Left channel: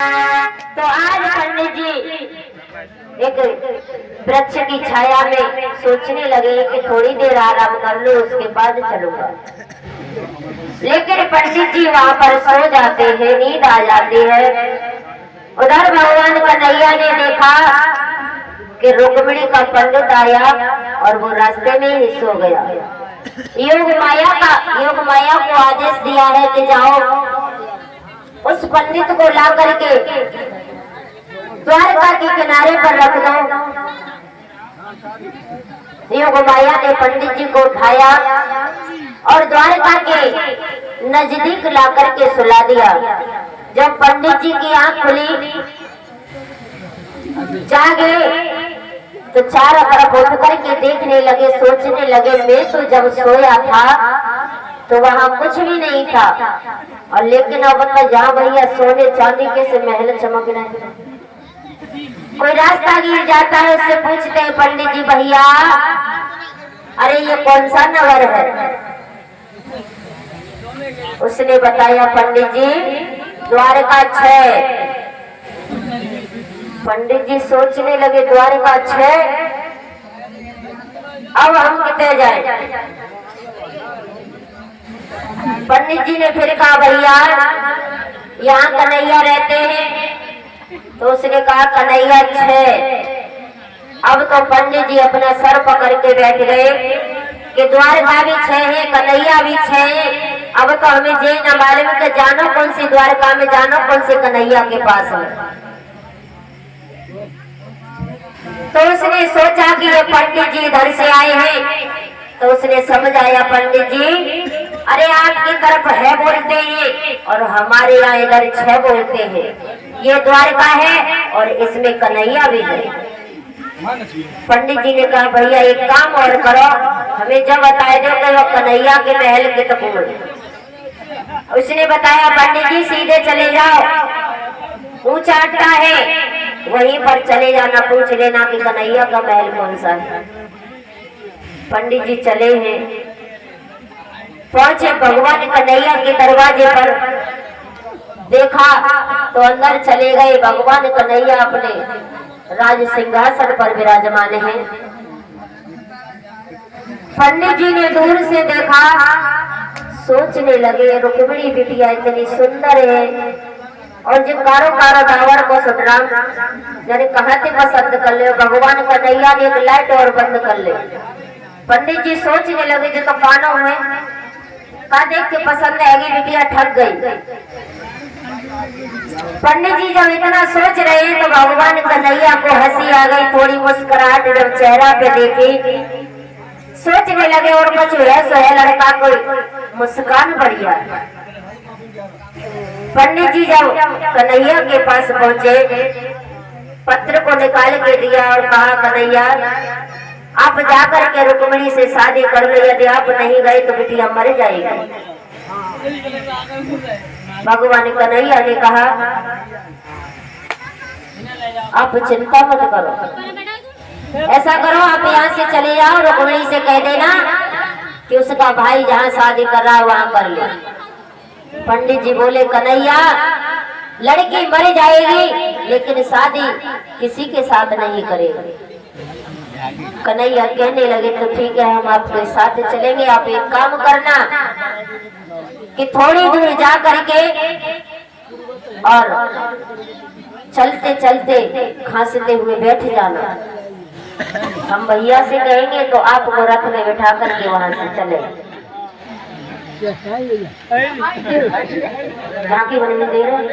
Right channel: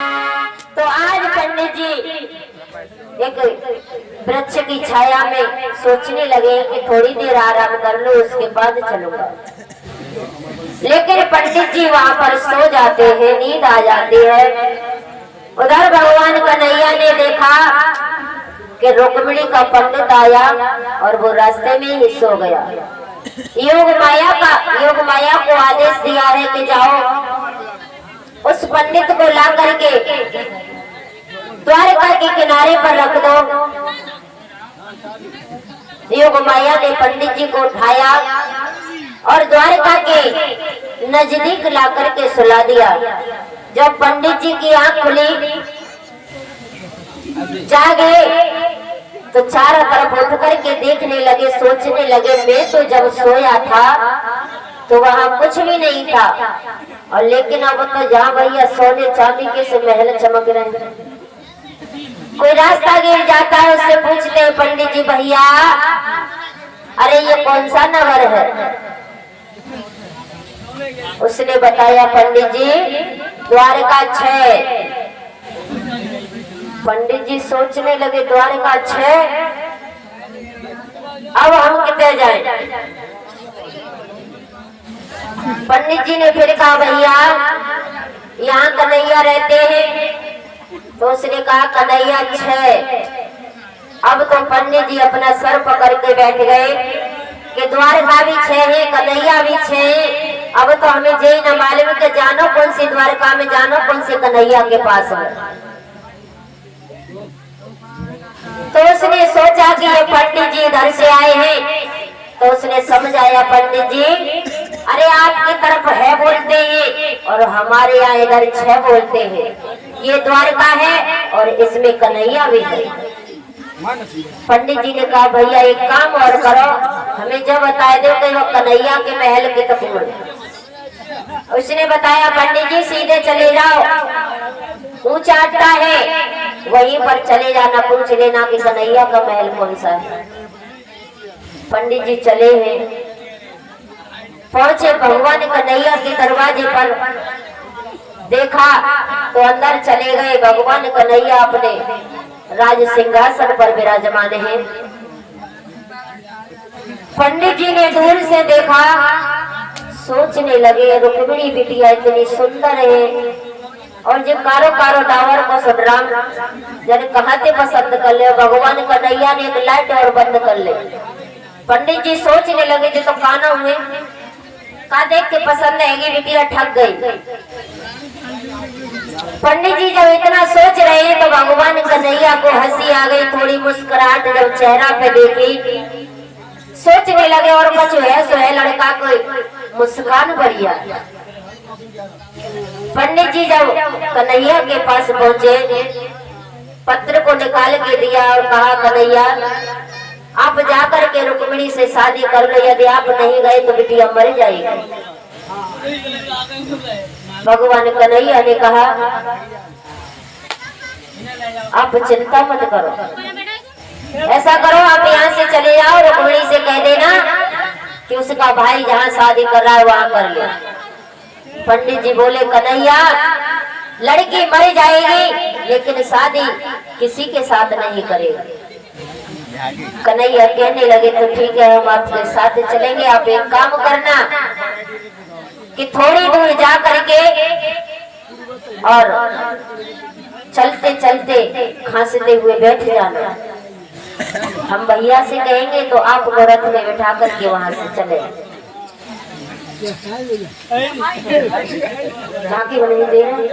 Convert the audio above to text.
तो आज पंडित जी एक वृक्ष की छाया में सोचने लगे कि थोड़ी देर आराम कर लो, उसके बाद चलूंगा। लेकिन पंडित जी वहां पर सो जाते हैं, नींद आ जाती है। उधर भगवान कन्हैया ने देखा कि रुक्मिणी का पंडित आया और वो रास्ते में ही सो गया। योग माया को आदेश दिया है कि जाओ उस पंडित को ला करके द्वारका के किनारे पर रख दो। योग माया ने पंडित जी को उठाया और द्वारका के नजदीक ला करके सुला दिया। जब पंडित जी की आंख खुली, जागे तो चारों तरफ उठ करके देखने लगे, सोचने लगे मैं तो जब सोया था तो वहां कुछ भी नहीं था, और लेकिन अब तो जहाँ भैया सोने चांदी के से महल चमक रहे हैं। कोई रास्ता गिर जाता है, उससे पूछते हैं पंडित जी भैया अरे ये कौन सा नगर है? उसने बताया पंडित जी द्वारका 6। पंडित जी सोचने लगे द्वारका 6, अब हम कितने जाएं? पंडित जी ने फिर कहा भैया यहाँ कन्हैया रहते हैं। तो उसने कहा कन्हैया 6। अब तो पंडित जी अपना सर पकड़ के बैठ गए कि द्वारका भी 6 है, कन्हैया भी 6 है। अब तो हमें ये न मालूम कि जानो कौन सी द्वारका में, जानो कौन से कन्हैया के पास है। तो उसने सोचा कि ये पंडित जी इधर से आए हैं, तो उसने समझाया पंडित जी अरे आपकी तरफ है बोलते हैं और हमारे यहाँ इधर 6 बोलते हैं। ये द्वारका है और इसमें कन्हैया भी है। पंडित जी ने कहा भैया एक काम और करो, हमें जब बताए दो कि वो कन्हैया के महल के तक। उसने बताया पंडित जी सीधे चले जाओ, ऊंचा अड्डा है वहीं पर चले जाना, पूछ लेना कि कन्हैया का महल कौन सा है। पंडित जी चले हैं, पहुंचे भगवान कन्हैया के दरवाजे पर, देखा तो अंदर चले गए। भगवान कन्हैया अपने राज सिंहासन पर विराजमान हैं। पंडित जी ने दूर से देखा, सोचने लगे रुक्मिणी बिटिया इतनी सुंदर है और जो कारो डावर को सुधराम जने कहाँ से पसंद कर ले। भगवान कन्हैया ने एक लाइट और बंद कर ले। पंडित जी सोचने लगे जो तो कानो हुए का देख के पसंद आएगी, बिटिया ठग गई। पंडित जी जब इतना सोच रहे हैं तो भगवान कन्हैया को हंसी आ गई, थोड़ी मुस्कुराहट जब चेहरा पे देखी। सोचने लगे और कुछ है सो है लड़का को मुस्कान बढ़िया। पंडित जी जब कन्हैया के पास पहुंचे, पत्र को निकाल के दिया और कहा कन्हैया आप जाकर के रुक्मिणी से शादी कर लो, यदि आप नहीं गए तो बिटिया मर जाएगी। भगवान कन्हैया ने कहा आप चिंता मत करो, ऐसा करो आप यहाँ से चले जाओ, रुक्मिणी से कह देना कि उसका भाई जहाँ शादी कर रहा है वहाँ कर ले। पंडित जी बोले कन्हैया लड़की मर जाएगी लेकिन शादी किसी के साथ नहीं करेगी। कन्हैया कहने लगे तो ठीक है हम आपके साथ चलेंगे, आप एक काम करना कि थोड़ी दूर जा करके और चलते चलते खांसते हुए बैठ जाना, हम भैया से कहेंगे तो आपको रथ में बिठा करके वहां से चले। झांकी बनी दे रहे